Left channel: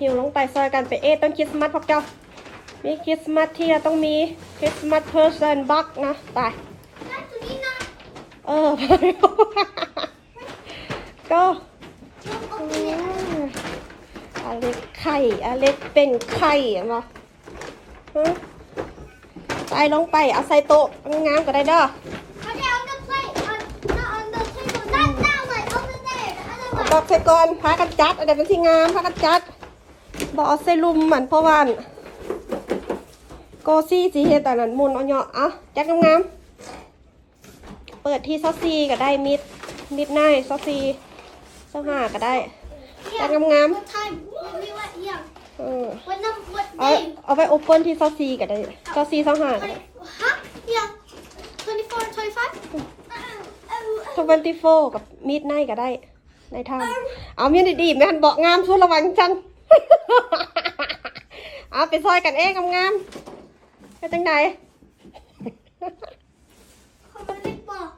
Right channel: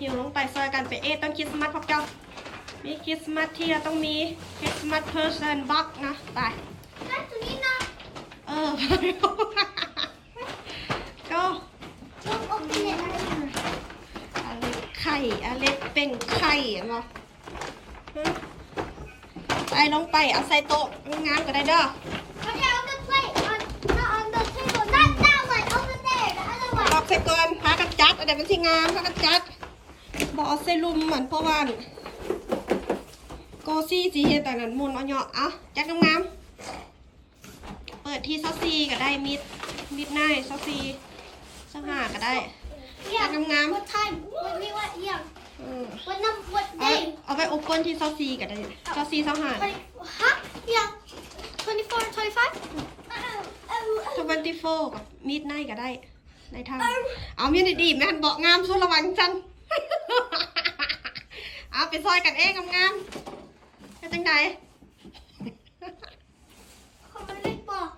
หิวลงไปซอยกันไปเอะต้นคริสต์มาสพวกเจ้า มีคริสต์มาสที่เราต้องมีคริสต์มาสเพอร์เซนบ็อกนะไปแล้วตัวนี้นะเออก็ลูกอมเนี่ยอเล็กไข่อเล็กเป็นไข่อะมาฮะไปลงไปเอาใส่โต๊ะงามๆก็ได้เด้อ อกเสร็จก่อนพากันจัดอะไรเป็นที่งามพากันจัดบอกเอาใส่ลุมเหมือนเพราะว่าอั่นโกซี่สีเฮ็ดแต่นั้นมุนเอาเนาะเอาจัดงามๆเปิดที่ซอสซีก็ได้มิดมิดไนซอสซีเสื้อผ้าก็ได้จัดงาม what time when we went yeah เออ what number what เอา day เอาไปโอเปิลที่ซอสซีก็ได้ซอสซีเสื้อผ้า Twenty- huh yeah 24 25 ทเวนตี้โฟกับมิดไนก็ได้ ในทางเอามีดดีๆแม่นบอกงามสู้ระวังจังเอาไปซอยกันเองงามๆไปจังไหนเขาไม่ได้บอก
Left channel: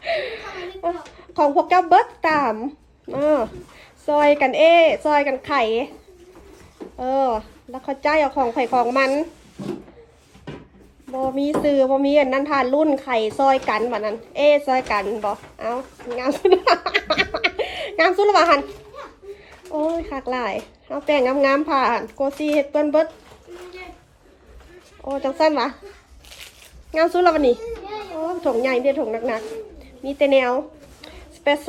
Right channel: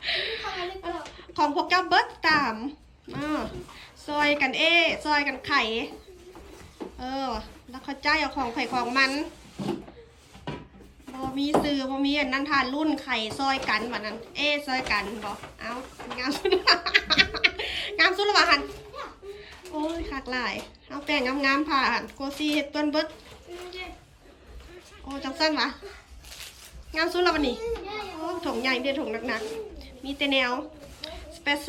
เขาไม่ได้บอกของพวกเจ้าเบิร์ดตามเออซอยกันเอซอยกันไข่ เออ แล้วเขาใจายเอาของไข่ของมันบมีซื้อบมีอันนั้นทานรุ่นไข่ซอยกันแบบนั้น เอซอยกันบอกเอางามสุด งามสุดละวะหันโอ้ยขากหลายเอาแป้งงามๆผ่านโกซีเฮ็ดต้นเบิร์ดโอ้จังสั้นวะงามสุดละวันนี้โอ้ถุงใหญ่เดียวถุงหนักๆมีแต่แนวสเปซโซ